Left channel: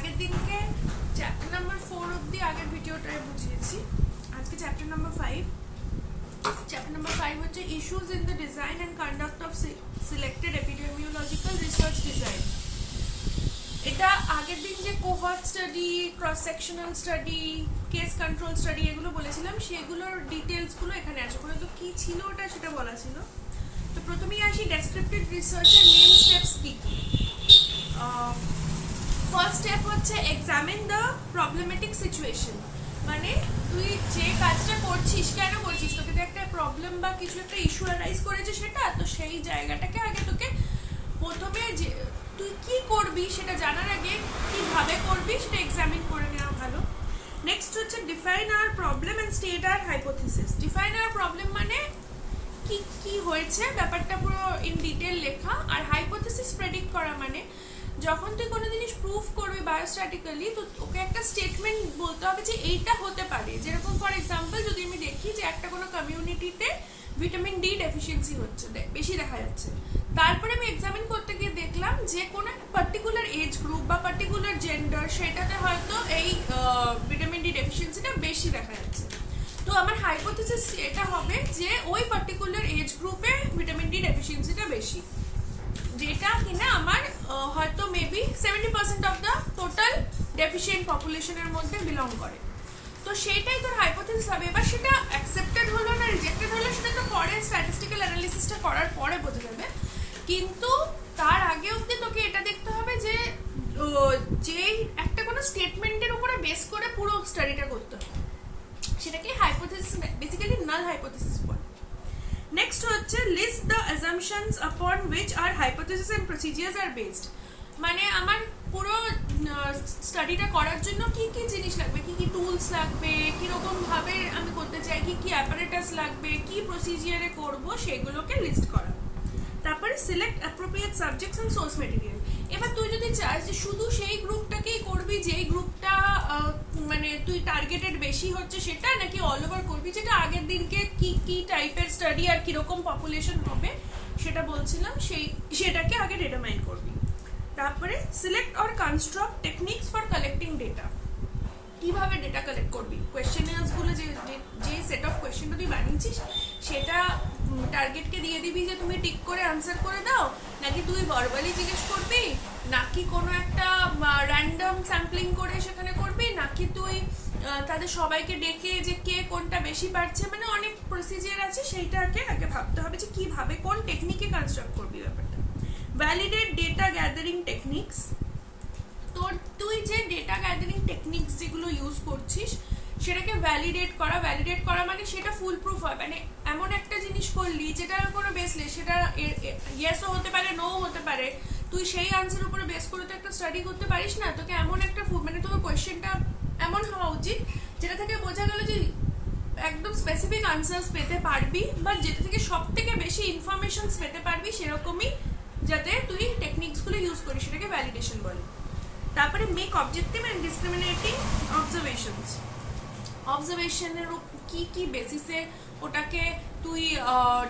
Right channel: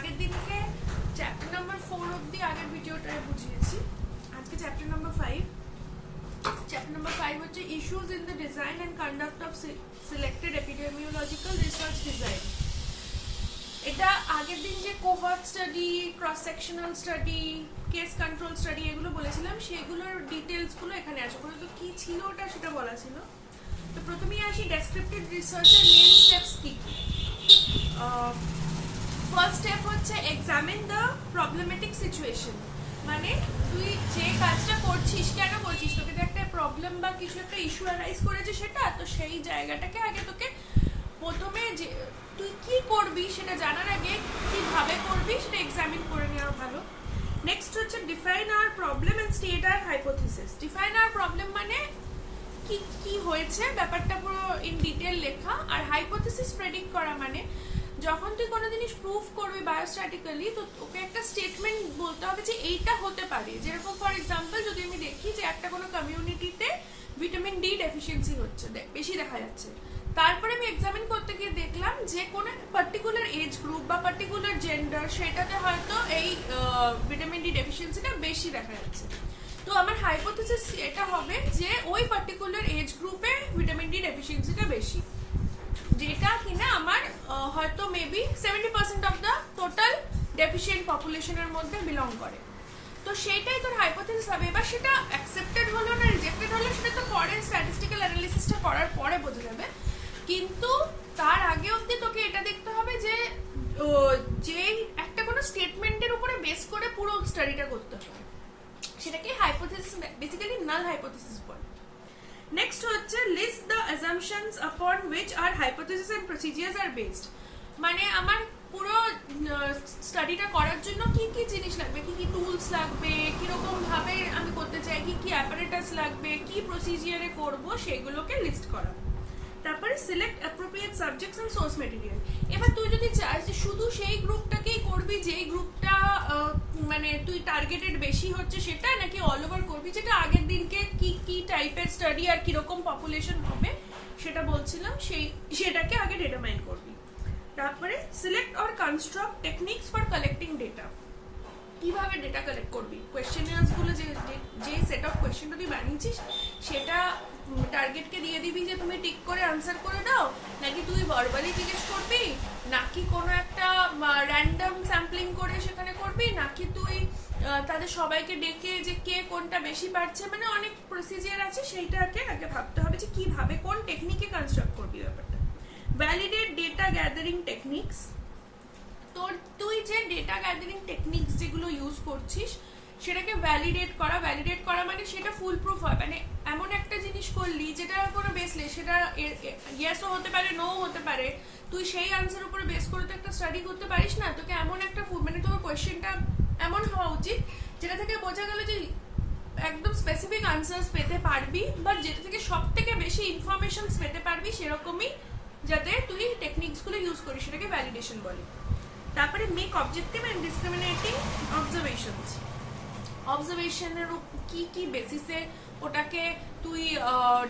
আগের দিনকে chapter number 4 অবধি আগের ভিডিওটায় বুঝিয়েছি। আজকে চ্যাপ্টার নাম্বার 5। চ্যাপ্টার নাম্বার 5 হচ্ছে issues in the design and conduct of selected epidemiological research design. এটা আগের দিন যে cohort study, cross sectional study, case control study এগুলো বলেছিলাম, সেগুলোর ডিটেলসগুলো এখানে আছে। তো কি ছিল ওটা সেটা বলা ছিল। তো প্রথমেই আসি ডেসক্রিপটিভ রিসার্চের মেন স্টেপস কি কি। ফার্স্ট স্টেপ হচ্ছে এক্সামিন দ্য প্রবলেমেটিক সিচুয়েশন। মানে তুই যে কাজটা করছিস কেন করছিস, তোকে তো একটা প্রবলেম বা কিছু একটা ইস্যু অ্যারাইজ করেছে সেটা, তো সেই জায়গাটাকে আগে তোকে প্রথমে যে তুই কি করবি সেটা জানার আগে কিভাবে করবি সেটা এক্সামিন করে নেওয়া ভালো। নেক্সট হচ্ছে define our problem and state our hypothesis. Define our problem মানে কি কি হয়েছে ব্যাপারটা পুরো ইন ডিটেল লেখা। আর হাইপোথিসিস প্রেডিক্ট করা মানে যখন তুই কোনো জিনিস প্রুফ করবি বায়োস্ট্যাটিক্যালি, তো ওকে একটা স্টেটমেন্ট বলতে হবে যে এইটা হতে পারে। যেরকম ফর এক্সাম্পল যদি আমি দেখি যে একটা কোনো কমিউনিটিতে ভিটামিন ডি ডেফিসিয়েন্সি হচ্ছে, বেশি দেখা যাচ্ছে, তারপরে আমি এক্সামিন করতে গিয়ে দেখলাম যে কোনো পার্টিকুলার এজ গ্রুপ বা পার্টিকুলার জেন্ডার সেটাতে হয়তো এই ভিটামিন ডি ডেফিসিয়েন্সিটা বেশি দেখা যাচ্ছে। তো আমার হাইপোথিসিস এটা হবে যে ওই পার্টিকুলার এজ গ্রুপে ভিটামিন ডি ডেফিসিয়েন্সিটা বেশি, যেটা কিনা আমার হয়তো maybe 70% of the total deficient পপুলেশনের মধ্যে বিলং করে। তো সেইটাই তোর হাইপোথিসিস হবে। এবার সেটা অ্যাকসেপ্টেড হলো না রিজেক্টেড হলো সেটা তো পরে স্ট্যাটিস্টিক্যাল অ্যানালিসিসটা করার পরে বোঝা যাবে, কিন্তু তার আগে অবধি তোকে এটা দেখতে হবে যে একটা কোনো স্টেটমেন্টের উপরে বেস করে পুরো স্টাডিটা করতে হবে, সেটাকে হাইপোথিসিস বেসিক্যালি নাল হাইপোথিসিস বলে। নেক্সট হচ্ছে list the assumptions upon which are hypothesis and procedures are based. মানে আমার পুরো স্টাডিটা করার জন্য কি কি জিনিস লাগবে, কি কি টুলস লাগবে, কিরকম ভাবে আমি করতে চাই, কি কি অ্যাপারেটাস লাগবে, কি প্রসিজিয়ারে করব, সেগুলোকে লিস্ট করা। তারপরে select appropriate subjects and source material. এবার তুই যদি চাস যে শুধু সেই গ্রুপটাকেই করবি যেই গ্রুপটা মানে তুই টার্গেটেড বেশি হচ্ছে সেটা, নাকি অল ওভার করবি, যেটা আগের দিনকে কি কি টাইপের স্টাডি আর কিরকম পপুলেশন হবে সেটা বলছিলাম, সেটাকে আগে ডিটারমাইন করবি। তারপরে select or construct techniques for collecting data. কিভাবে ডেটা কালেক্ট করবি, কোয়েশ্চেনার্সগুলো যে সেট অফ কোয়েশ্চেনটা তুই বানিয়েছিস সেটা টার্গেটকে দিয়ে দিবি যে তুমি টিক করে আনসার করে দাও, নাকি তুই ভার্বালি জিজ্ঞেস করবি, নাকি কোনো একটা র্যান্ডম স্যাম্পলিং করে সেখানে করবি, নাকি তুই তাদের সবাইকে ডেকে যে কে কোনটা বেশি পারছে। মানে অনেক প্রসিজিয়ার আছে, সেইটাকে আগে ভাবতে হবে যে কিভাবে কোন টেকনিকে কনস্ট্রাক্ট করবি ব্যাপারটা। Validate data gathering techniques. তুই যে ডেটা গ্যাদারিং টেকনিক্স যেগুলো ইউজ করছিস সেটাকে ভ্যালিডেট করা মানে সেটা ফুল প্রুফ হয়। মানে এমন একটা জিনিস করলি যেটার কোনো বেসলেস, সেটা ইয়েসও হতে পারে, নো হতে পারে, তুই সেই আনসার উপরে বেস করে তো একটা স্টাডি করতে পারিস না। তোকে এমন একটা মানে তোর কোয়েশ্চেনটা এমন হওয়া উচিত যেটা থেকে বোঝা গেল যে একদম স্পেসিফিক আনসার্স পেতে পারবি, বা যেটা থেকে সব থেকে বেশি ইনফরমেশনস পেতে পারবি, সেরকমই যাতে তুই টেকনিক্সগুলো ইউজ করিস, সেটাকে ভ্যালিডেশন বলে। তারপরে মেক অবজেক্টিভ এন্ড ডিসক্রিমিনেটিং অবজারভেশনস। অবজারভেশনের কি কি বেসিসে ওটাকে তুই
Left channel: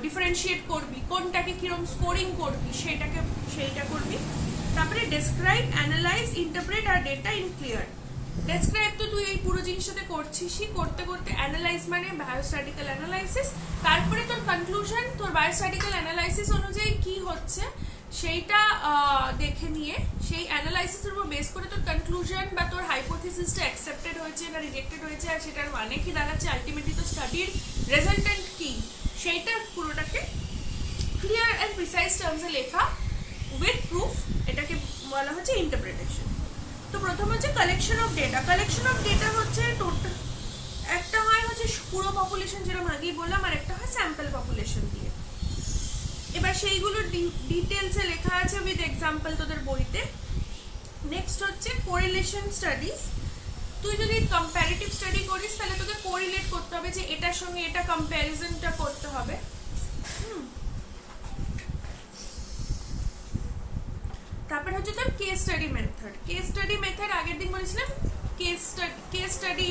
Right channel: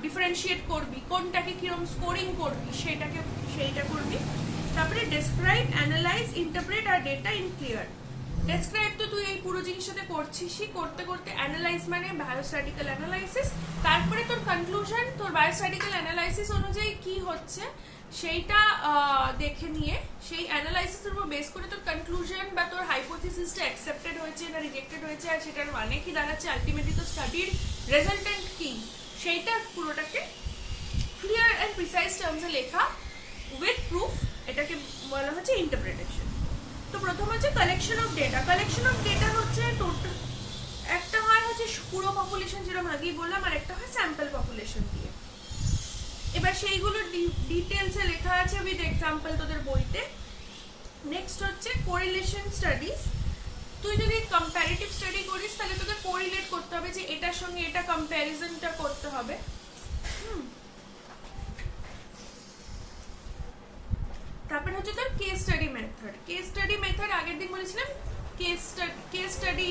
ডিফারেন্সিয়েট করবি, কোনটাকে কিরকম স্কোরিং করবি সেইটা করবি। তারপরে ডেসক্রাইব, অ্যানালাইজ, ইন্টারপ্রেট আর ডেটা ইন ক্লিয়ার। ডেসক্রাইব তো তুই এই পুরো জিনিসটাতে করছিসই, করতে করতে অ্যানালাইজ মানে বায়োস্ট্যাটিক্যাল অ্যানালাইসিস, তারপরে তোর কনক্লুশন, তোর বায়োস্ট্যাটিক্যাল অ্যানালাইসিস অনুযায়ী কি হচ্ছে সেইটা দেখে নিয়ে সেই অ্যানালাইসিসের উপর বেস করে তোর কনক্লুশন বা তোর হাইপোথিসিসটা অ্যাকসেপ্টেড হয়েছে না রিজেক্টেড হয়েছে, আর সেটার মানে কি দাঁড়াচ্ছে, আলটিমেটলি তো স্টাডির রেজাল্টেন্ট কি, সেইটা পুরোটাকে ক্লিয়ার অ্যান্ড প্রিসাইজ টার্মসে লেখা উইথ প্রুফ, এটাকে বলা হচ্ছে ইন্টারপ্রিটেশন। তো প্রথম হচ্ছে collection of data. Collection of data হচ্ছে টোটাল, একটা হয় হচ্ছে পুরো পপুলেশন যেরকম আগেই বললাম, আর একটা হয় স্যাম্পল পপুলেশন দিয়ে। এবার সেইগুলো ডিটেলসে লেখা আছে উইথ এক্সাম্পল তোদের বইতে। নেক্সট হচ্ছে কোরিলেশন স্টাডিজ। তুই যদি কম্প্যারেটিভ স্টাডি করিস তাহলে তোকে কোরিলেট করতে হবে যে এটার সঙ্গে এটা কম্প্যারিজনটা করতে হবে। তারপর হচ্ছে তোর case study method. Case study method আগের দিন বলেছিলাম কেস স্টাডি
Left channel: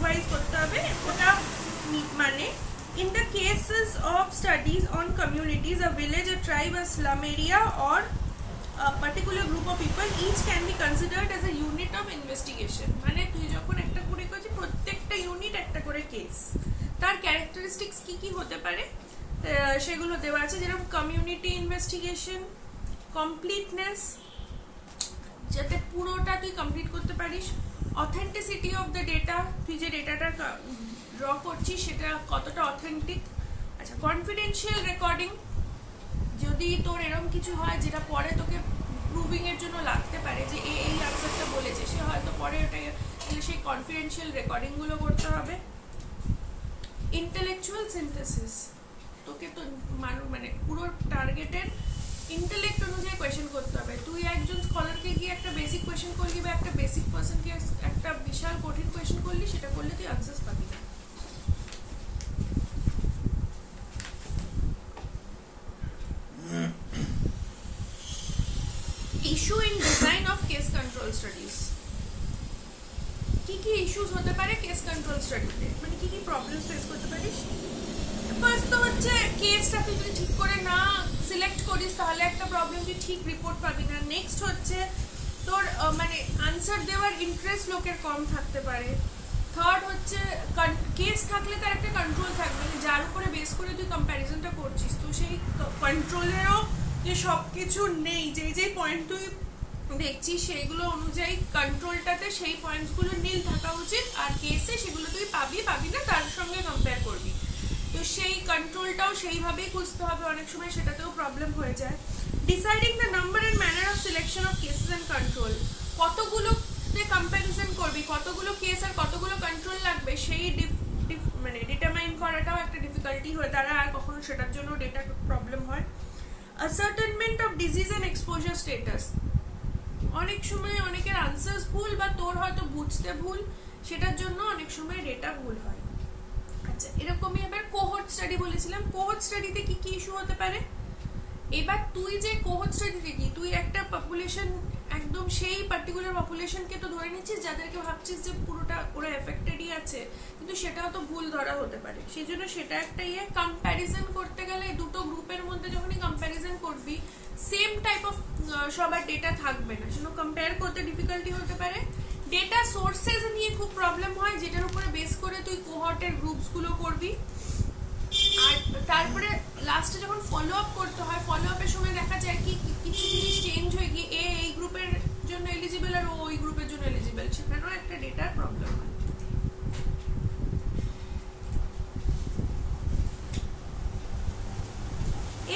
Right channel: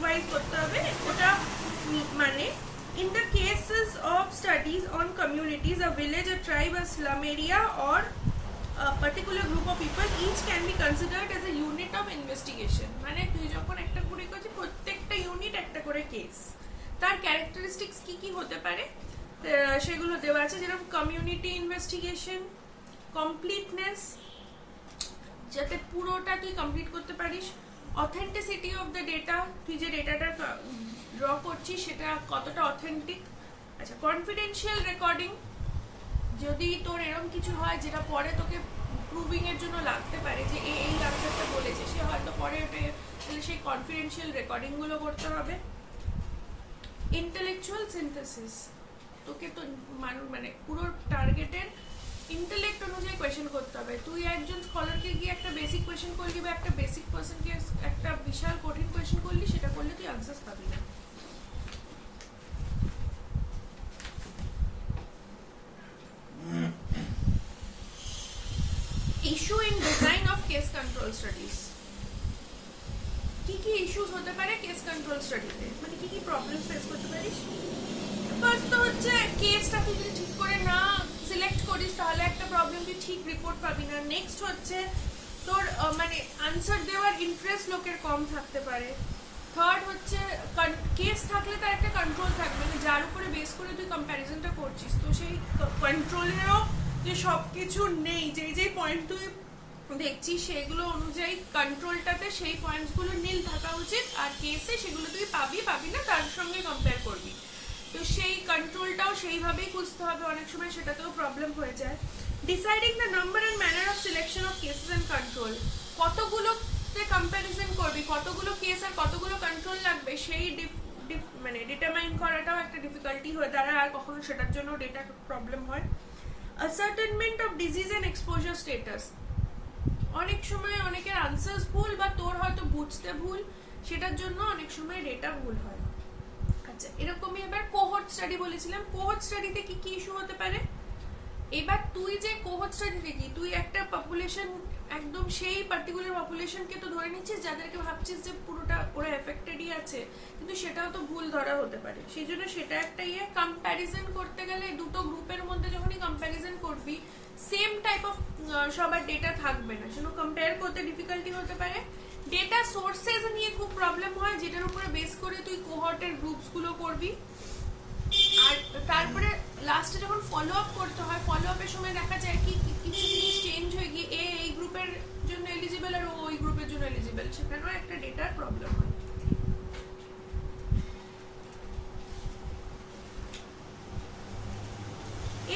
ওয়াইজ করতে হবে। ওটা মানে in the cases of studies on communities, a village, a tribe, a slum area or a particular group of people, each can be considered as a unit of investigation. মানে তুই যখন একটা কুড়ি করছিস প্রত্যেকটা ইউনিট একটা করে কেস, তার ক্যারেক্টারিস্টিক্স কি কি হতে পারে সেগুলো দেওয়া আছে, যেরকম কমিউনিটি ইনভেস্টিগেশন, কমপ্লিটনেস, যাতে পুরোটা তুই কমপ্লিট করতে পারিস, অথেন্টিসিটি অফ দ্য ডেটা, তুই যে ডেটাটা ড্র করছিস সেটা কতটা অথেন্টিক, আচ্ছা কনফিডেন্সিয়াল রেকর্ডিং, যদি তোর এরকম কিছু হয় যেটা পরে তোকে প্রুভিং এর জন্য লাগতে পারে যে এই আনসারটা বলেছে, সে হয়তো পরে ওটা, তাহলে সেই কনফিডেন্সিয়াল রেকর্ডিং গুলো করতে হবে। ইন্টেলেকচুয়াল সিনথেসিস, তোকে তো মানে পুরো টার্গেটের ইন্টেলেক্ট অনুযায়ী কোয়েশ্চেন করতে হবে। তুই একজন স্কলারকে গিয়ে একটা বেসিক কোয়েশ্চেন করলি বা একটা বেসিক পার্সনকে একটা বিশাল কঠিন কোয়েশ্চেন করলি, সেটা করলে তুই আনসার্স পাবি না। Issue in design of case control studies, কি কি ইস্যুস হতে পারে কেস কন্ট্রোল স্টাডিতে, মানে কি কি প্রবলেমস ফেস করতে পারিস। ফার্স্ট তো হচ্ছে কেসটা তুই যদি ঠিক করে না সিলেক্ট করিস তাহলে একটা প্রবলেম, তুই ঠিক রিপোর্ট পাবি না। নেক্সট হচ্ছে তোর মানে আনসার দেওয়ার ইন্টারেস্ট লোকের কম থাকতে পারে। থার্ড হচ্ছে কেস থাকলে তার একটা কন্ট্রোল থাকবে, মানে যার উপরে বেস করে তুই কম্প্যারিজনটা করছিস, তো সেই কন্ট্রোলেরও যে সব কিছু নেই, যেই যেই পয়েন্ট তুই দেখছিস সেগুলো অনুযায়ী কন্ট্রোলটাতে সেই পয়েন্টসগুলো নীল থাকা উচিত, আর কেসে সেগুলো তুই পাবি না, তার সঙ্গে কম্পেয়ার করবি। তো সেই কন্ট্রোলটাও সেইভাবেই খুঁজতে হবে, অনেক সময় সেটাতেও প্রবলেম হয়ে যায়। Deciding the number and manner of selection of cases and control, কতগুলোতে কম্প্যারিজন করবি, কতগুলো কেস আর কতগুলো কন্ট্রোল লাগবে, সেই মানে ডিটারমাইন করাটাও একটা ডিফিকাল্টি হয়ে দাঁড়ায়, আর কখনো সেটার জন্য ডেটা প্রবলেম হয়। Ascertainment of disease and exposure status, অনেক সময় অনেকের আনসার্স ভুল বা তোর হয়তো বুঝতে ভুল, সেটার জন্য অনেক সময় ডেটা ভুল হয়। আচ্ছা এরকমই এবার কোহর্ট স্টাডি বলেছিলাম, কোহর্ট স্টাডিতে কি কি ইস্যু হতে পারে। এবার তুই যে কোহর্ট স্টাডিতে কি তুই একটা পপুলেশন, একদম সেই পার্টিকুলার পপুলেশনকে তো ধরে নিচ্ছিস যাদেরকে ভাবছিস যে পুরোটা ওরা এফেক্টেডই আছে, কিন্তু সেটাও তো ভুল ধরা হতে পারে। সেই জন্য সেটা একটা কম্প্যারিজন করতে গেলে দুটো গ্রুপের মধ্যে যখনই কম্প্যারিজন করবি সেম টাইপ অফ সবার ডেটা থাকবে না, সেজন্য কম্পেয়ার করতে ডিফিকাল্টি হতে পারে। ডেটা সোর্সেস নিয়ে খুব প্রবলেম হয়, যেটার উপরে বেস করে তুই কোহর্টের গ্রুপস গুলো করবি। আর তারপরে লাস্টে যখন ফলো আপ করতে হয়, ফলো আপের সময় দেখা যায় কি কিছু জিনিস চেঞ্জ হয়ে গিয়ে এই গ্রুপের জন্য এলিজিবল আর ওই গ্রুপের জন্য এলিজিবল, সেখানেও একটা ডেটার প্রবলেম হয়।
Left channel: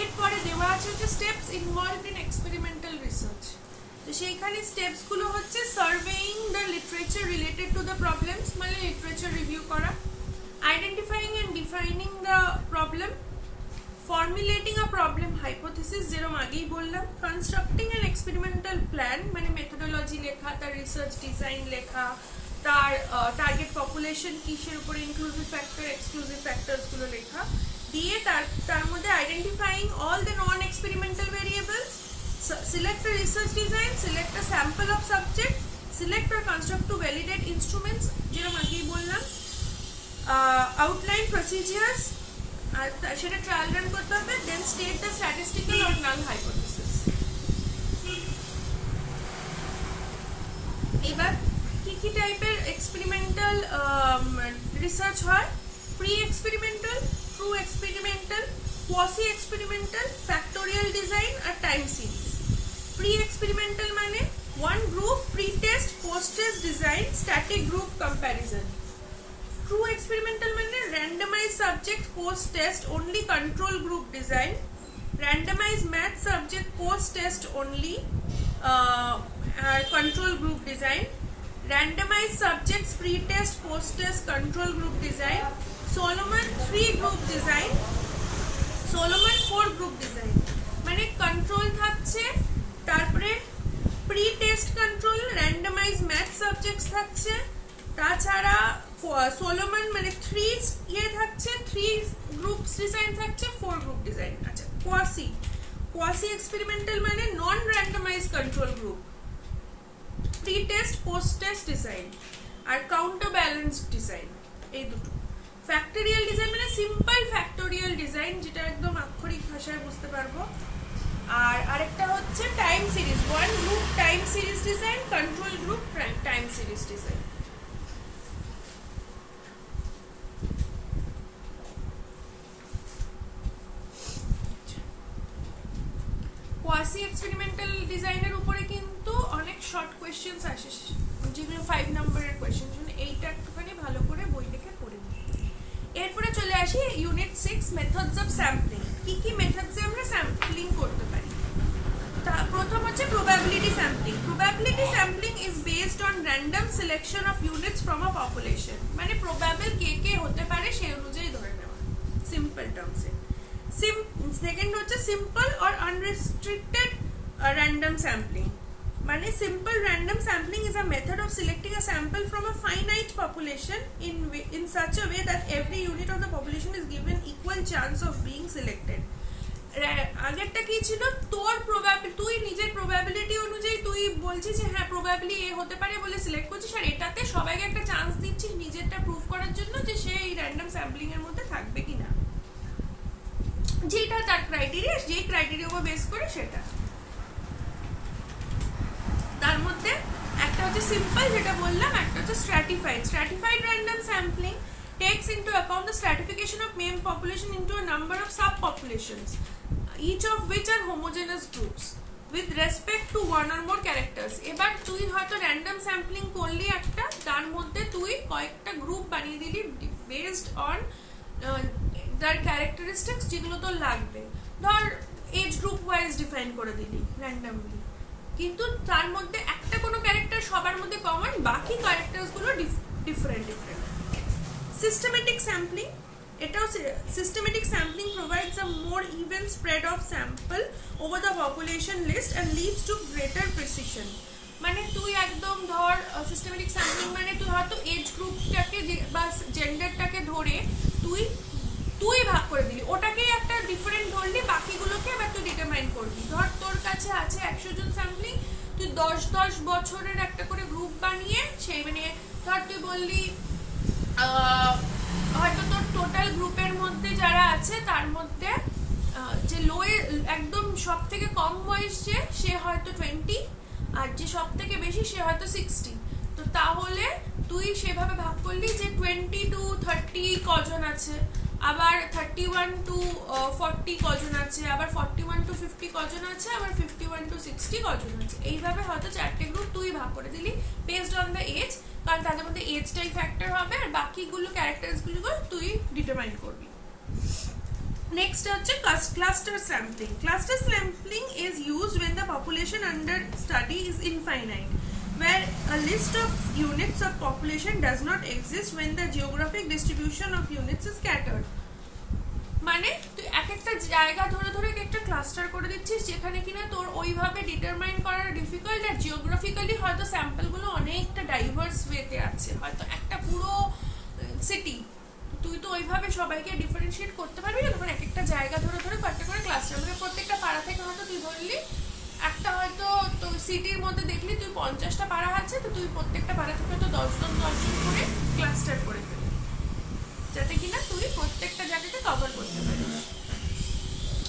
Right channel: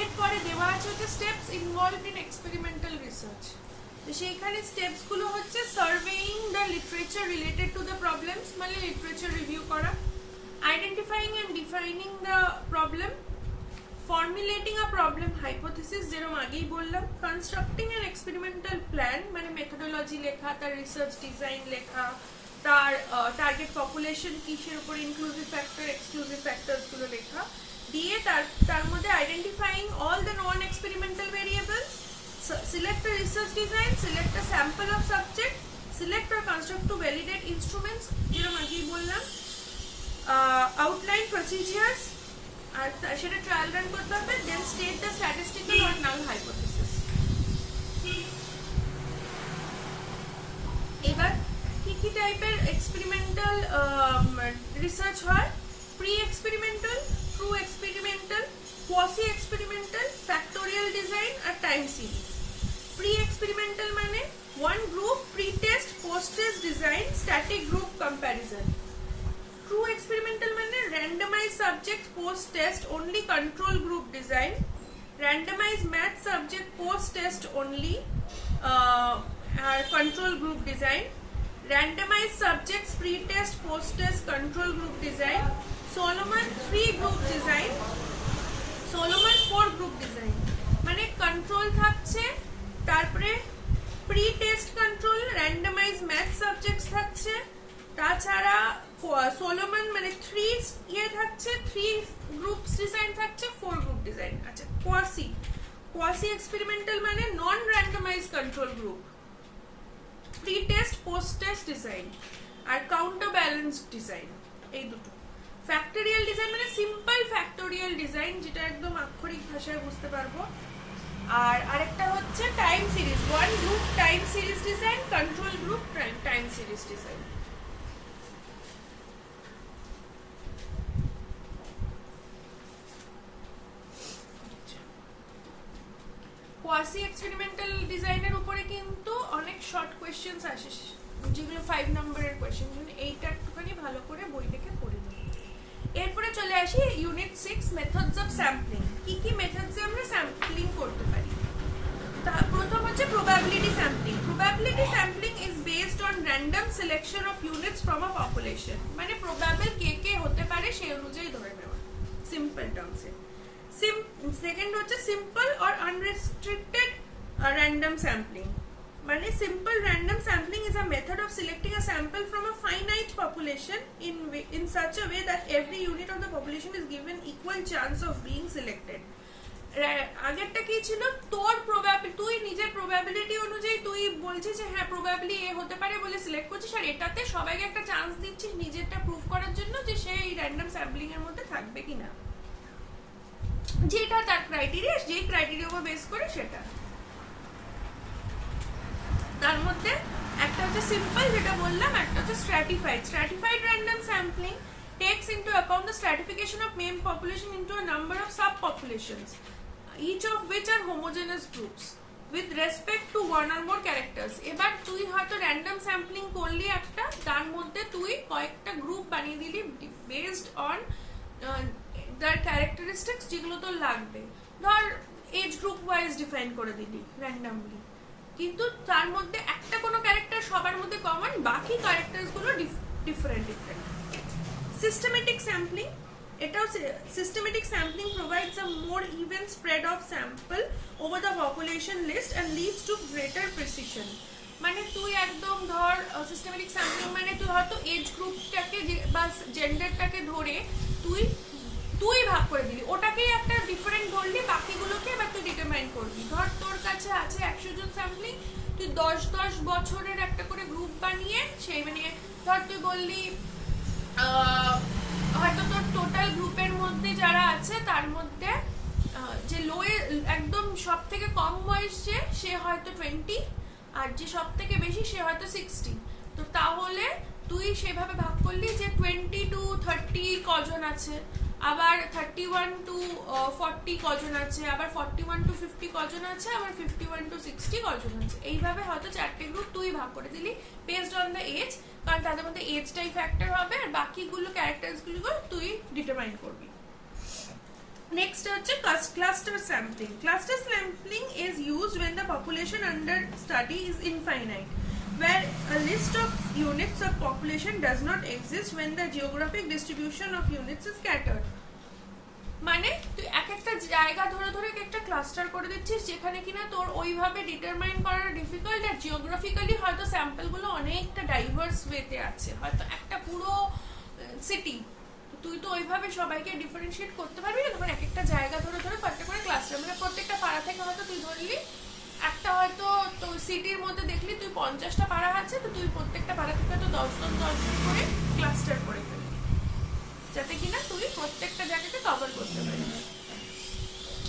এরপরে দেওয়া আছে হচ্ছে steps involved in experimental research. তো সেইখানে স্টেপস গুলো হচ্ছে surveying the literature related to the problems, মানে লিটারেচার রিভিউ করা, identifying and defining the problem, formulating a problem hypothesis যেরকম আগেই বললাম, কনস্ট্রাক্টিং অ্যান এক্সপেরিমেন্টাল প্ল্যান, মানে মেথোডোলজি লেখা, তার রিসার্চ ডিজাইন লেখা, তার টার্গেট পপুলেশন কিসের উপর, ইনক্লুসিভ ফ্যাক্টর এক্সক্লুসিভ ফ্যাক্টরস গুলো লেখা দিয়ে তার মধ্যে identifying all the non experimental variables, select a research design, select a sample of subject, select or construct to validate instruments যেরকম আগেই বললাম, outline procedures, আর সেটা ট্রায়াল রান করতে হবে, then state the statistical or null hypothesis। এবার কি কি টাইপের এক্সপেরিমেন্টাল রিসার্চ হয়, pre experimental, true experimental, quasi experimental, factorial design আর টাইম সিরিজ। প্রি এক্সপেরিমেন্টাল মানে one group, pre test, post test design, static group comparison. True experimental মানে randomize subject post test only control group design, randomize math subject post test only আর control group design, randomize subjects pre test post test control group design, Solomon 3 group design, Solomon 4 group design. মানে control থাকছে, তারপরে pre test control, randomise math subjects থাকছে, তাছাড়া Solomon মানে 3 থাকছে, 3 groups design থাকছে, 4 group design. আচ্ছা কোয়াসি এক্সপেরিমেন্টাল মানে non randomize control group, pre test post test design আর কাউন্টার ব্যালেন্স ডিজাইন, এই দুটো। ফ্যাক্টোরিয়াল ডিজাইন মানে সিম্পল ফ্যাক্টোরিয়াল ডিজাইন, যেটা একদম আক্ষরিক ভাষায় বুঝতে পারবো। আর আরেকটা হচ্ছে time series, one group time series design, control group time series design. Quasi experimental ডিজাইনের উপরে কিন্তু অনেক শর্ট কোয়েশ্চেন্স আসে, যেগুলো 5 নম্বরের কোয়েশ্চেন, এইটা একটুখানি ভালো করে বই থেকে পড়ে নিই। এরপরে চলে আসি ইউনিট 6 মেথডস অফ স্যাম্পলিং। কি কি মেথডসে আমরা স্যাম্পলিং করতে পারি? প্রথম হচ্ছে probability sampling. Probability sampling is based on random selection of units from a population, মানে প্রবাবল কে কে হতে পারে সেই অনুযায়ী ধরে নেওয়া, সিম্পল টার্মসে। সেকেন্ড হচ্ছে simple or unrestricted random sampling, মানে simple random sampling is a method of selecting a sample from a finite population in such a way that every unit of the population is given equal chance of being selected. আগেরটা কি ছিল, তোর probability, তুই নিজের probability অনুযায়ী তুই বলছিস যে হ্যাঁ প্রবাবিলি এ হতে পারে বলে সিলেক্ট করছিস, আর এটাতে সবাইকে একটা চান্স দিচ্ছিস নিজেরটা প্রুভ করার জন্য যে সে এই র্যান্ডম স্যাম্পলিং এর মধ্যে থাকবে কিনা, যেটা তার ক্রাইটেরিয়া, যে ক্রাইটেরিয়া উপর বেস করে সেটা। তার মধ্যে একটা হচ্ছে সিম্পল যেটা বললাম, একটা হচ্ছে stratified. Stratified random sampling takes into account the stratification of main population into a number of subpopulations, each of which are homogeneous groups with respect to one or more characters. এবার তুই হয়তো random sampling করলি একটা, তার মধ্যে তুই কয়েকটা group বানিয়ে দিলি বেসড অন তার ক্যারেক্টারিস্টিক্স যেগুলো তোর লাগবে, ধর এজ গ্রুপ ওয়াইজ ডিফাইন করে দিলি র্যান্ডমলি, কিন্তু তার মধ্যে একটা কোনো ক্যারেক্টার সবার মধ্যে কমন, বাকি ক্যারেক্টারসগুলো ডিফারেন্ট ডিফারেন্ট। Systematic sampling, এটাও systematic sampling provides a more even spread of sample over the population list and leads to greater precision. মানে তুই একদম ধর সিস্টেমেটিক স্যাম্পলিং মানে তুই হয়তো এজ গ্রুপটাকে বা জেন্ডারটাকে ধরে তুই ভাগ করে দিলি, ওটাকেই একটা ডিফারেন্ট ধরলি, বাকিগুলোকে এবার তুই ডিটারমাইন করবি। ধর তোর কাছে আছে 100 জন স্যাম্পলিং, তুই 10 বছরের একটা করে গ্রুপ বানিয়ে সেই মানে ধর তুই বললি হয়তো তোর টোটাল গ্রুপের মধ্যে যারা আছে তার মধ্যে যে একদম সব থেকে কম বয়স সে হয়তো 20, আর যে সব থেকে বেশি সে হয়তো 60। তো তাহলে তুই সেভাবে ভাগ করলি যে 20 to 30 কজন আছে, আবার 31 to 40 কজন আছে, আবার 41 to 50 কজন আছে, আবার 51 to 60 কজন আছে। এইভাবে হয়তো 4টে গ্রুপ তুই ভাগ করে দিলি বেসড অন দ্য এজ, কারণ তাদের মধ্যে এজটাই ফ্যাক্টর হবে, আর বাকিগুলো ক্যারেক্টারসগুলো তুই ডিটারমাইন করবি। নেক্সট হচ্ছে cluster sampling. Cluster sampling is used when the population under study is infinite, where a list of units of population does not exist when the geographic distribution of units is scattered. মানে তুই এক একটা জায়গা ধরে ধরে একটা cluster করে দিচ্ছিস যেখানে কিনা তোর ওইভাবে ডিটারমাইন করা ডিফিকাল্ট, আর জিওগ্রাফিক্যালি হয়তো স্যাম্পলগুলো অনেকটা ডাইভার্স ওয়েতে আছে, হয়তো একটা পুরো সিটি, তুই তো ওইভাবে সবাইকে ডিফারেন্সিয়েট করতে পারবি না, তখন এক একটা জায়গা ধরে ধরে কয়েকটা করে ক্লাস্টার, মানে প্রত্যেকটা পাড়া থেকে হয়তো তুই ধরলি একটা, হয়তো তো সিটির মধ্যে দেখলি তুই 50টা পাড়া আছে, তো তুই প্রত্যেকটা পাড়া থেকে হয়তো 10 জন করে ক্লাস্টার করে ফেলবি, যাতে কিনা তুই প্রত্যেকটা জায়গাতে কভার করতে পারিস।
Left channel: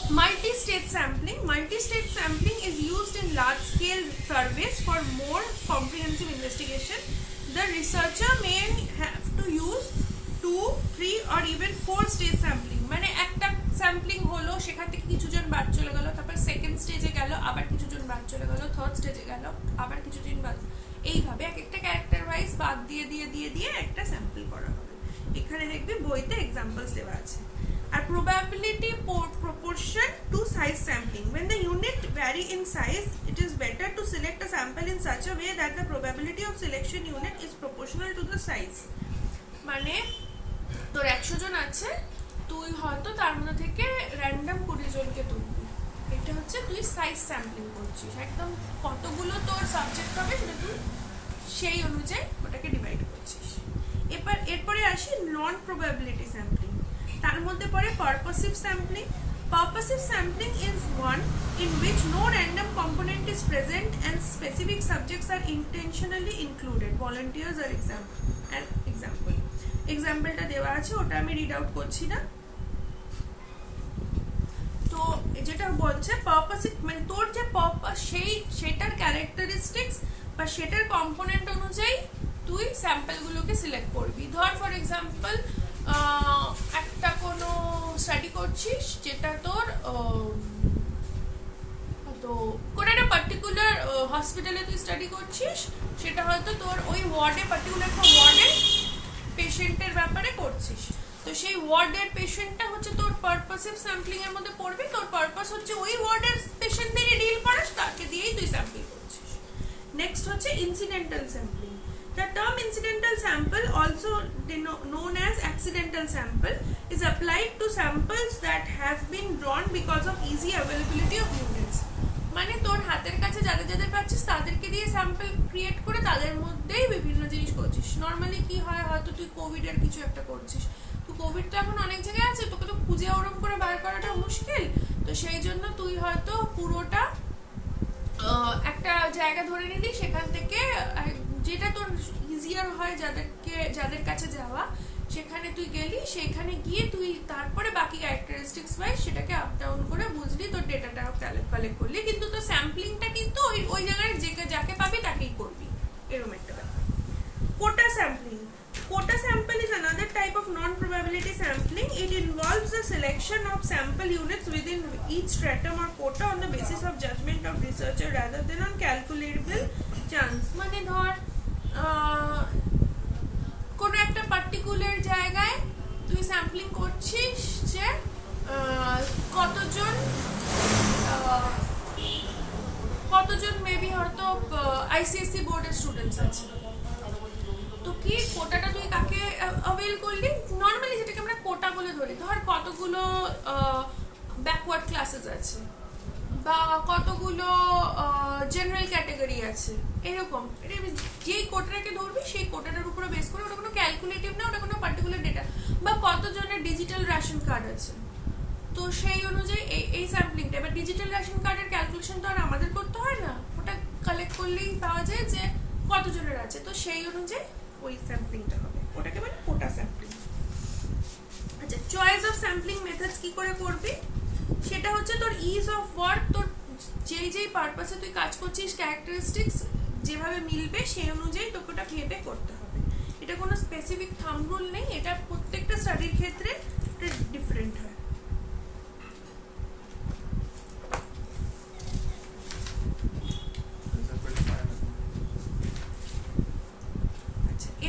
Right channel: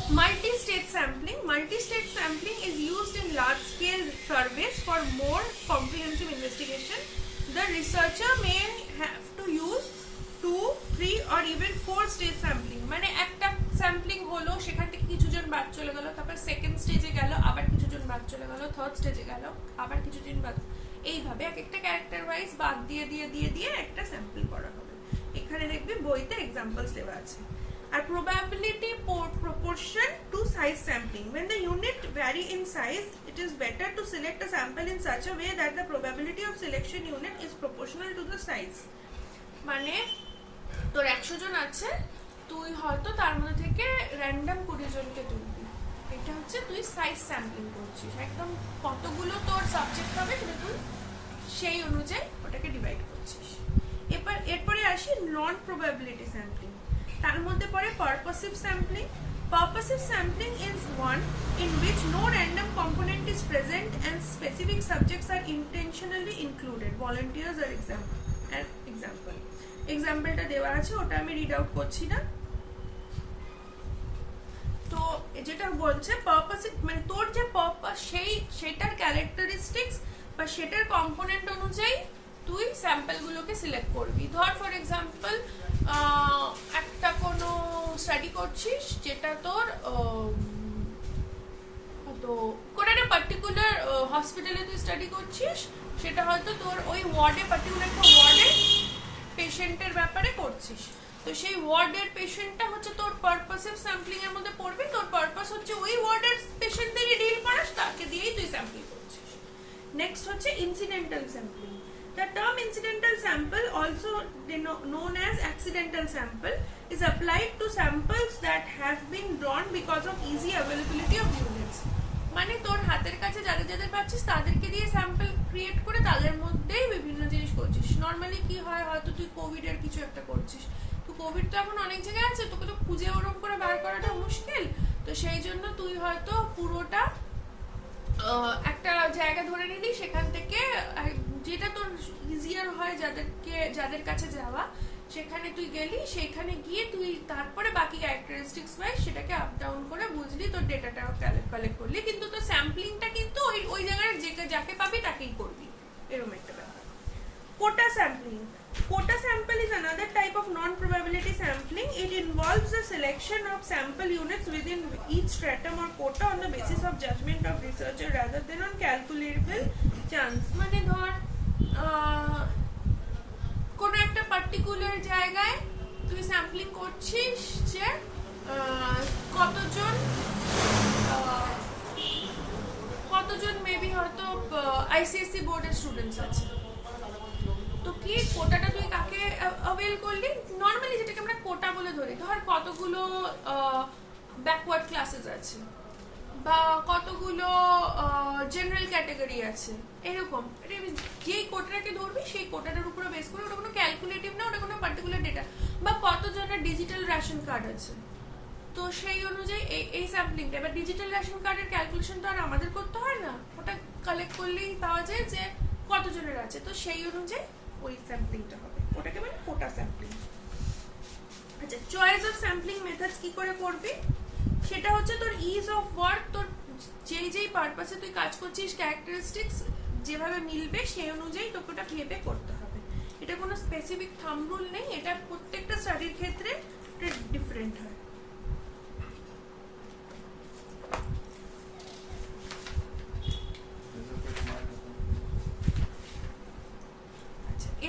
Multi-stage sampling. Multi-stage sampling is used in large-scale surveys for more comprehensive investigation. The researcher may have to use 2, 3 or even 4-stage sampling. মানে একটা স্যাম্পলিং হলো, সেখান থেকে কিছুজন বাদ চলে গেল, তারপর সেকেন্ড স্টেজে গেল, আবার কিছুজন বাদ চলে গেল, থার্ড স্টেজে গেল, আবার কিছুজন বাদ, এইভাবে এক একটা ক্যারেক্টার ওয়াইজ বাদ দিয়ে দিয়ে দিয়ে দিয়ে একটা স্যাম্পল করা হবে। এখানে দেখবি বইতে এক্সাম্পলস দেওয়া আছে। আর probability proportion to size sampling. When the unit vary in size, it is better to select a sample in such a way that the probability of selection unit is proportional to the size. মানে তোর 100 জন আছে, তুই হয়তো তার মধ্যে থেকে random 20 জনকে তুলবি, এটা হচ্ছে তুই সাইজ স্যাম্পলিং করছিস, একদম কতগুলো তোর সাবজেক্ট হবে সেটা তুই সেই অনুযায়ী ওটাকে ডিভাইড করছিস। এরপরে আসি নন প্রবাবিলিটি স্যাম্পলিং। তার মধ্যে পড়ে পারপাসিভ sampling. Purposive sampling is one in which no random component is present and specific subjects are intentionally included. Volunteers are example. এক্সাম্পলটা দেওয়া আছে, ওটা আমি রিড আউট করছি না। তো যেটা বলছে পারপাস, মানে তোর যে পারপাস সেটার ক্যারেক্টারিস্টিক্স বা সেটার কম্পোনেন্ট অনুযায়ী তুই স্যাম্পলগুলোকে সিলেক্ট করবি। ধর ফর এক্সাম্পল একটা কোনো স্টাডি করছিস যেটা তোর তো কোনো একটা পার্টিকুলার হসপিটালে তুই স্টাডি করছিস, সেটা হয়তো তোর ওই ওয়ার্ডে পার্টিকুলার একটা ওয়ার্ডের পেশেন্টের ব্যাপারে করছিস, তো সেই ওয়ার্ডের পেশেন্টটা হচ্ছে তোর পারপাসিভ স্যাম্পলিং এর মধ্যে পড়বে। তোর পারপাস হচ্ছে ওই ওয়ার্ডের পেশেন্টদেরই ডিল করাস, তাকে দিয়েই তুই স্যাম্পল করছিস। নেক্সট হচ্ছে incidental sampling. The term incidental sample, also known as accidental sample, is applied to samples that have been drawn because of easy availability of units. মানে তোর হাতের কাছে যাদের যাদের পাচ্ছিস তাদেরকে দিয়ে স্যাম্পল ক্রিয়েট করে তাদের মধ্যেই বিভিন্ন জিনিস করছিস। নর্মালি কি হয়, হয়তো তুই কোভিড এর কিছু একটা করছিস, তো কোভিড তো এখন অনেক জায়গায় আছে, তোকে তো খুঁজে ওরম করে বার করাটা মুশকিল, তো সেই জন্য তুই হয়তো পুরোটা একটা জায়গা ধরে নিলি, সেখান থেকে যেটা তোর ইজিয়ার হয় যাদের কাছে যাওয়া, সেখানে তুই গেলি, সেখানে গিয়ে তুই তারপরে বাকি ক্যারেক্টারিস্টিক্স ওয়াইজ সেটাকে আপ ডাউন করে বুঝলি, তোর ডেটাটাও কালেক্ট করলি, কিন্তু তোর স্যাম্পলিংটা কিন্তু ওই জায়গায় যাকে পাবি তাকেই করবি, এরকম একটা ব্যাপার। কোটা sampling. Quota sample is another type of non-probability sampling. It involves the selection of sample units within each stratum or quota on the basis of judgment of researcher rather than on calculable chance. মানে ধর কোন একটা particular জায়গায় তুই sampling করছিস যে কতজন maybe হয়তো আইসিএসসি বোর্ডের স্টুডেন্টস আছে, তো কি কোটাটা তুই কাকে অ্যাভেল করলি, নর্মালি যেটাকে আমরা কোটা বলে ধরি, ধর কতগুলো ব্যাকওয়ার্ড ক্লাসেস আছে বা কতগুলো জেনারেল ক্যাটাগরি আছে, এরকম যেই কোটাটাকে ধরবি সেই কোটাটার উপরে বেস করে, ওটা কোনো ক্যালকুলেটিভ না, ওটা কোনো পার্টিকুলার ডেটা, বা কতজনের ডিজিটাল রেশন কার্ড আছে, তো সেই অনুযায়ী এই স্যাম্পলিংটা। এবার ডিজিটাল রেশন কার্ডের ক্যালকুলেশন তো আর আমাদের করতে হয় না, ওটা কালেক্ট করলেই পাওয়া যায় যে কতজনের আছে, তো সেই অনুযায়ী ওই স্যাম্পলিংটা হবে, ওটাকে মানে কোটা স্যাম্পলিং। আচ্ছা, চয়েস অফ স্যাম্পলিং মেথডস কি করে করবি, সেটা হচ্ছে তোর ইজ অফ ওয়ার্ক, তোর যেই পারপাসে তুই কাজ করছিস ক্যারেক্টারিস্টিক্স যেভাবে মিলবে সেই অনুযায়ী তোকে ওটা ভেবে করতে হবে। এটা কোনো স্পেসিফিক থাম্ব রুল নেই, এটা প্রত্যেকটা স্টাডির ক্ষেত্রে ডিফারেন্ট হয়।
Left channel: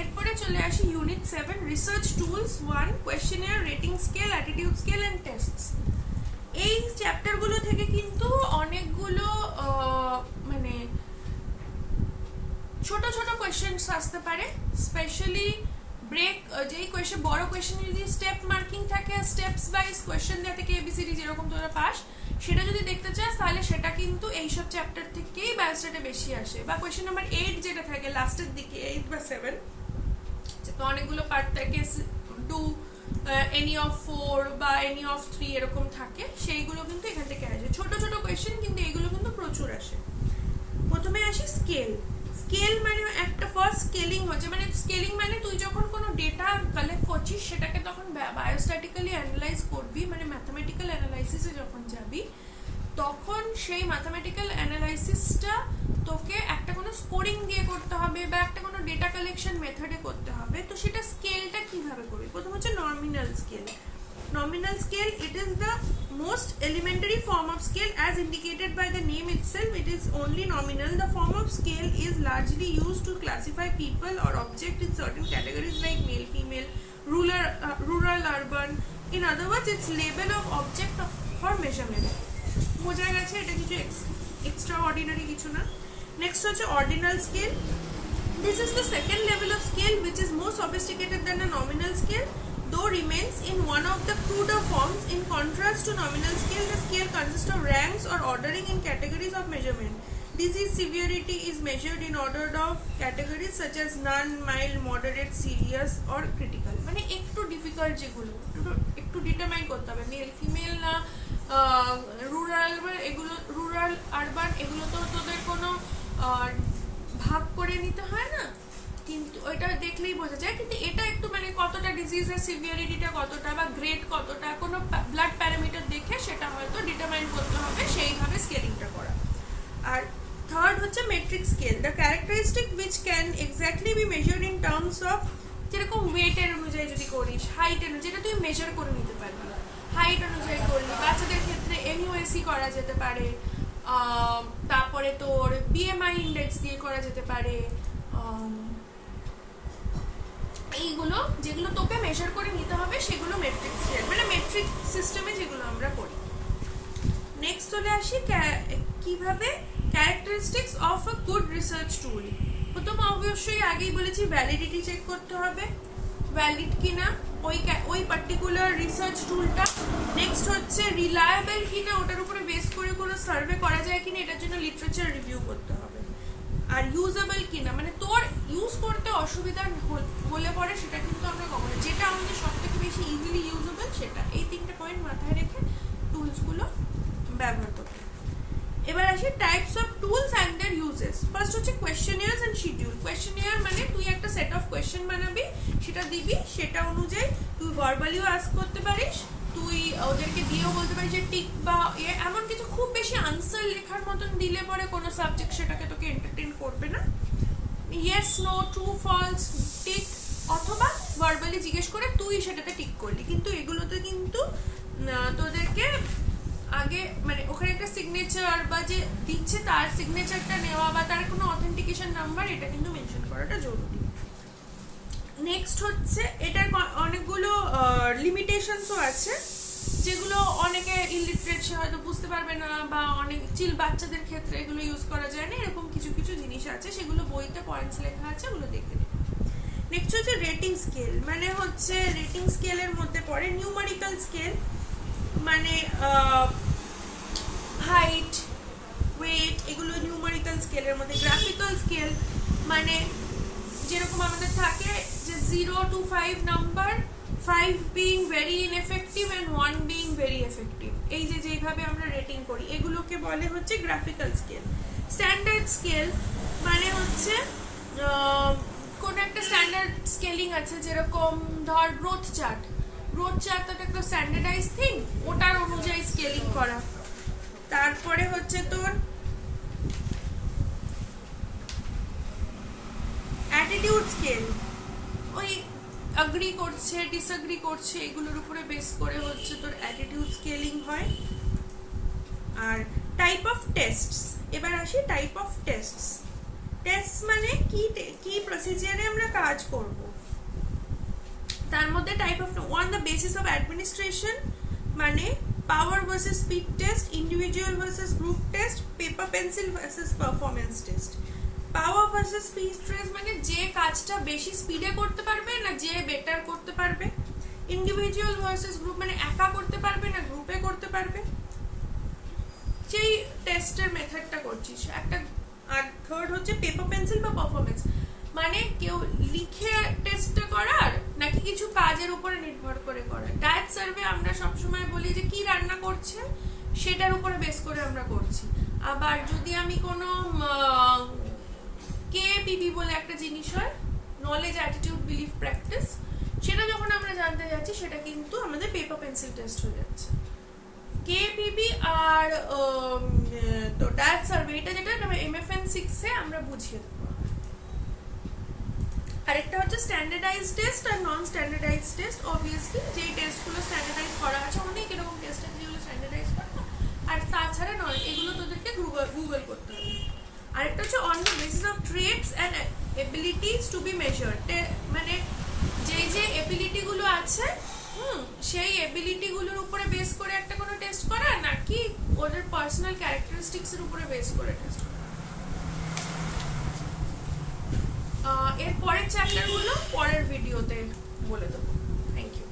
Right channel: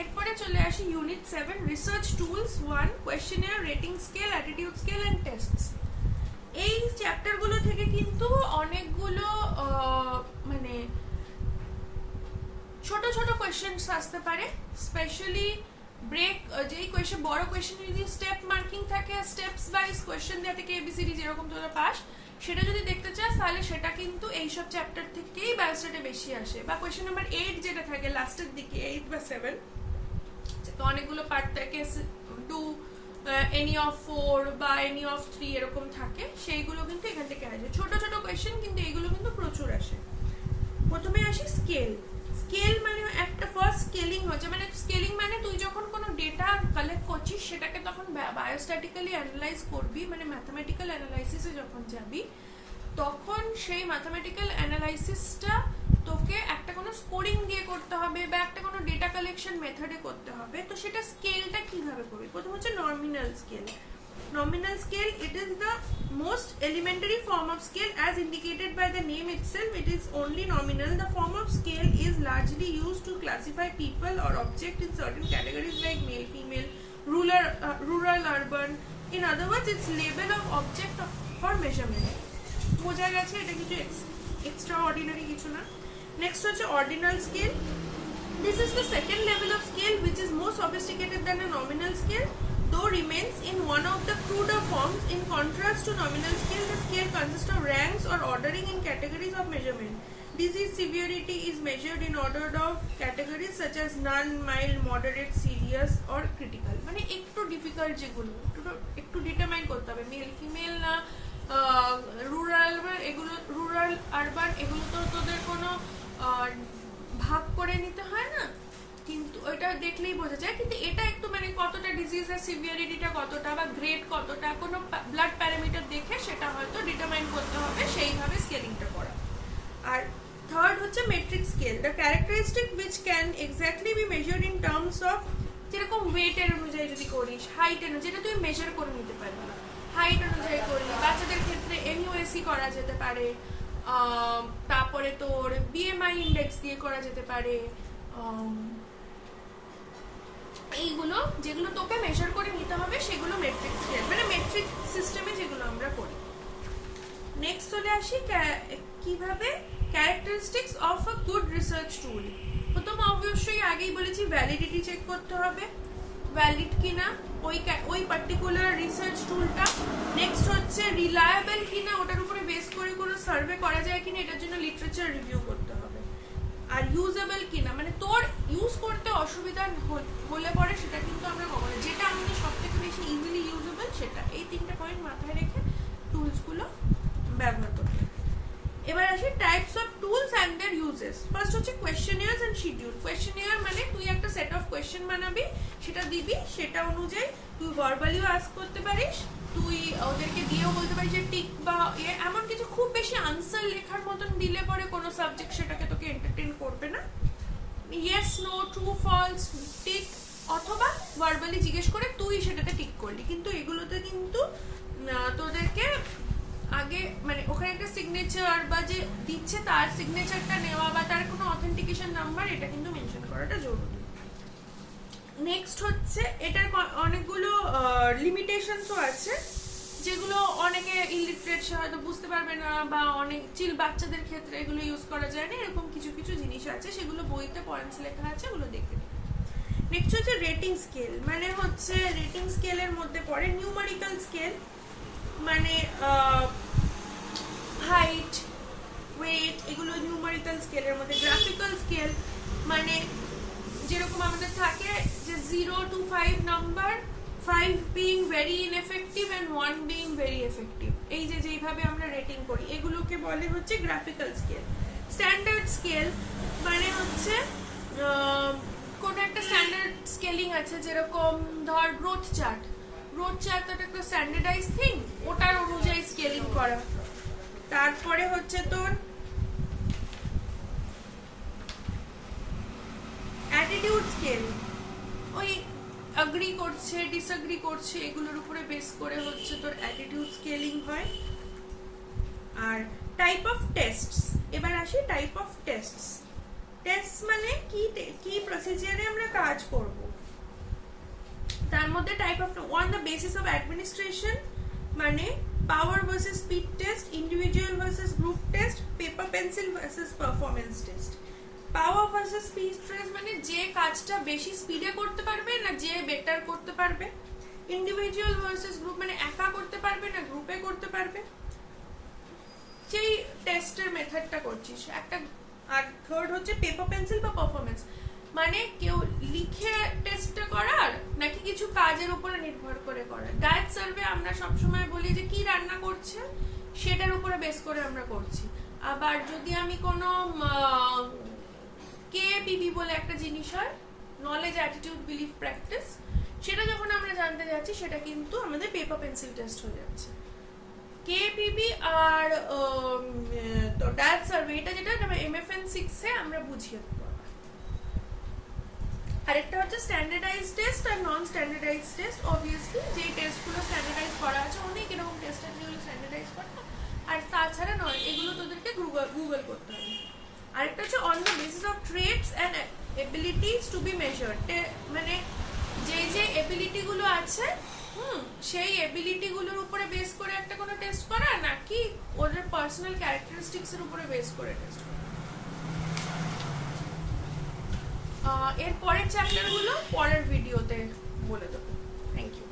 এরপরে চলে আসি unit 7 research tools 1 questionnaire, rating scale, attitude scale and tests. এই চ্যাপ্টারগুলো থেকে কিন্তু অনেকগুলো মানে ছোট ছোট কোয়েশ্চেনস আসতে পারে, স্পেশালি ব্রেক যেই কোয়েশ্চেন বড় কোয়েশ্চেন যদি স্টেপ মার্কিং থাকে, স্টেপস ওয়াইজ কোয়েশ্চেন দেওয়া থেকে এবিসিডি যেরকম তোরা পাস, সেটা যদি দেখতে চাস তাহলে সেটা কিন্তু এইসব চ্যাপ্টার থেকেই বায়োস্ট্যাটে বেশি আসে, বা কোয়েশ্চেন নাম্বার 8 যেটা থাকে লাস্টের দিকে 8 বা 7, তো অনেকগুলো পার্ট থাকে, ডু এনি অফ 4 বা এনি অফ 3 এরকম থাকে, সেইগুলো কিন্তু এখান থেকে আসে, ছোট ছোট কোয়েশ্চেন কিন্তু এইগুলো কিন্তু প্রচুর আসে। প্রথমে আসি স্কেল। স্কেল মানে একটা ফার্স্ট স্কেলিং হচ্ছে, মানে স্কেলিং মানে তুই যখন কোনো ডেটা কালেক্ট করছিস সেটাকে তখন বায়োস্ট্যাটিক্যালি অ্যানালাইজ করবি, মানে ম্যাথামেটিক্যাল অ্যানালাইসিসে যখন যাবি তখন সেই ম্যাথামেটিক্যাল অ্যানালাইসিসটা তোকে একটা কোনো স্কোরিং দিয়ে করতে হবে বা একটা কোনো ডেটা কালেকশন মেথডে করতে হবে, তো সেটা স্কেলটা কিভাবে করবি। প্রথম হচ্ছে nominal scale. Nominal scale, it is the most elementary form of scale as indicated by the name itself. It is only nominal. The form of scale is largely used to classify people or objects in certain categories like male, female, rural, urban. In other words, it's label of object for measurement. বোঝা গেছে, এটা কিছু extraordinary কিছু না। Next হচ্ছে ordinal scale. This is the second level of scale which is more sophisticated than a nominal scale, though remains in one of the cruder forms. In contrast to nominal scale, the scale consists of ranks or ordering in categories of measurement. Disease severity is measured in order of categories such as none, mild, moderate, serious or critical. মানে একটু difficult যেগুলো একটু determine করতে হবে, male female না rural, এগুলো rural urban এগুলো তো তোদের কোনো ভাগ করে নিতে হয় না, কিন্তু ওইটা দেখলেই বোঝা যায়, কিন্তু এটা একটু মানে কতটা ডিজিজের সিভিয়ারিটিটা কতটা বা গ্রেড কতটা কোনো ব্লাড প্যারামিটার দেখে সেটা হয়তো ডিটারমাইন করতে হবে, সেইভাবে স্কেলিংটা করা। আর থার্ড হচ্ছে metric scale, the characteristic which can exactly B measured in terms of, যেরকম ওয়েটের অনুযায়ী যদি করিস, হাইট যেটা তুই মেজার করে নিতে পারবি, হাইট অনুযায়ী করলি। বাচ্চাদের ক্ষেত্রে এমইউএসি করা যেতে পারে, তারপরে তোর বিএমআই ইন্ডেক্স দিয়ে করা যেতে পারে। এইগুলো যেগুলো তোকে মেজার করে নিতে হবে সেগুলো মেট্রিক স্কেল, মানে মেট্রিক সিস্টেমে যেগুলো আমরা করি। নেক্সট চলে আসি কিভাবে characteristics of a good research টুল। প্রথম অবশ্যই আগেই বলেছি ভ্যালিডিটি চেক করতে হবে, ভ্যালিড কিনা ওই পার্টিকুলার রিসার্চ টুলটা। নেক্সট হচ্ছে রিলায়েবল কিনা, ওটার উপরে বেস করে কোনো সার্ভে করা যায় কিনা, এটার জন্য লিটারেচার রিভিউ করতে হবে। আর ইউজেবল কিনা, মানে তোর ইউজ করতে অসুবিধা হলে পরে সেটা কিন্তু আমরা কখনো, যেটা আমাদের সব থেকে বেশি ইজিলি ইউজেবল সেটা, এই তিনটে পয়েন্ট মাথায় রেখে টুলসগুলো ব্যবহার করতে। এবার আসি types of tools and their uses. First হচ্ছে কোয়েশ্চেনিয়ার্স এন্ড শিডিউল। কোয়েশ্চেনিয়ার মানে তুই একটা সেট অফ কোয়েশ্চেন বানাবি, সেটা দিবি, সেটা অনুযায়ী তুই ভার্বালিও আস্ক করতে পারিস, তুই ওদেরকে দিয়েও বলতে পারিস যে টিক বা এমন কিছু। খুব বেশি আনসার লেখার মতন দিলে পরে কোনো সাবজেক্ট সেটাকে তোকে এন্টারটেইন করবে না। Yes, no, true, false, tick, অথবা ভার্বালি জিজ্ঞেস করে তুই সেটাতে টিক করলি। কিন্তু এগুলোতে কিন্তু তোদেরকে আগে মানে ওখানে একটা সিগনেচার বা যে দিচ্ছে তার সিগনেচারটা নেওয়া বা তার কোনো অথেন্টিকেশন নাম্বার, এটা কিন্তু মেনশন করাটা জরুরি। নেক্সট হচ্ছে এটার অনেকগুলো লিমিটেশনসও আছে, যেগুলো অনেকে ইলিটারেট সে হয়তো বুঝতে পারবে না, বা অনেক চিল বাচ্চাদের ক্ষেত্রে এগুলো ইউজ করা যায় না, এরকম কিছু কিছু জিনিস আছে, সেগুলো বইতে পয়েন্টস লেখা আছে, ওগুলো দেখে নিন। নেক্সট হচ্ছে রেটিং স্কেল, মানে হচ্ছে রেটিং স্কেলের মধ্যে পড়ে নিউমারিক্যাল স্কেল, মানে হাইট, ওয়েট, এগুলো নিউমারিক্যাল স্কেলের মধ্যে। গ্রাফিক্যাল স্কেল মানে যেরকম আমাদের থাকে যে 0 to 5 number, 5 being very ineffective and 1 being very effective, এই যে যেইভাবে আমরা রেটিং করি এগুলোকে বলে হচ্ছে গ্রাফিক্যাল স্কেল। স্ট্যান্ডার্ড স্কেল মানে হচ্ছে কোন একটা স্ট্যান্ডার্ড স্কেলিং আছে, যেরকম ধর গ্রোথ চার্ট, গ্রোথ চার্ট তো একটা স্ট্যান্ডার্ডাইজ থিং, ওটার অনুযায়ী স্কেলিং করা। তারপরে হচ্ছে তোর অ্যাটিটিউড স্কেল, ওই অ্যাগ্রি করছে ডিসঅ্যাগ্রি করছে এগুলোর উপরে বেস করে হচ্ছে তোর অ্যাটিটিউড স্কেলিং হয়। আর টাইপ অফ টেস্টস, এবার আসি টাইপ অফ টেস্টস। টেস্ট মানে কি প্রসিজারে আমরা কাজ করব, তার মধ্যে type of on the basis of administration, মানে power versus speed test, individual versus group test, paper pencil versus performance test. Power versus speed test মানে যে কাজটা বেশি স্পিডে করতে পারবে না যে বেটার করতে পারবে। ইন্ডিভিজুয়াল ভার্সেস গ্রুপ মানে একা করতে পারবে না গ্রুপে করতে পারবে, সেই টেস্টের মেথডটা করছিস একটা। আর থার্ড হচ্ছে পেপার পেন্সিল বা পারফরমেন্স, মানে কেউ লিখে টেস্টটা করার নাকি কিছু কাজের উপরে নির্ভর করে করার। ডায়েট সার্ভে আমরা সবসময় বলি যে কি রান্না করছেন সেটার উপরে বেস করে আমরা করছি। আবার যদি আমি কোনো কেপিবি বলে একটা জিনিস হয়, নলেজ অ্যাটিটিউড বিলিফ প্র্যাকটিস, সেটা যখন আমরা জানতে যাচ্ছি সেটা কিন্তু আমাদের পেপার পেন্সিল টেস্ট হয়ে যাচ্ছে। কেপিবি আর তো ডায়েট সার্ভে, এটা যেটা MFN 6 এ আমরা বুঝিয়ে দেবো। আরেকটা হচ্ছে স্ট্যান্ডার্ডাইজ টেস্ট আর নন স্ট্যান্ডার্ডাইজ টেস্ট। অবভিয়াসলি যে টেস্টগুলো স্ট্যান্ডার্ডাইজ করা আছে, অনেক এরকম টেস্ট আছে যেগুলো স্ট্যান্ডার্ডাইজ করে না, আর তাছাড়া নয়, এগুলো তোদেরকে গুগল করতে হবে। আরেকটা হচ্ছে on the basis of traits and abilities to be measured, মানে যে এবিলিটি গুলো আছে সেই এবিলিটি গুলোর উপরে বেস করে একটা কোনো টেস্ট করা, নাকি ওদের পার্সোনাল ক্যারেক্টারিস্টিক্স এর উপরে বেস করে টেস্ট করা। এর পরের চ্যাপ্টার গুলো পরের ভিডিওতে বলে দেবো। Thank you.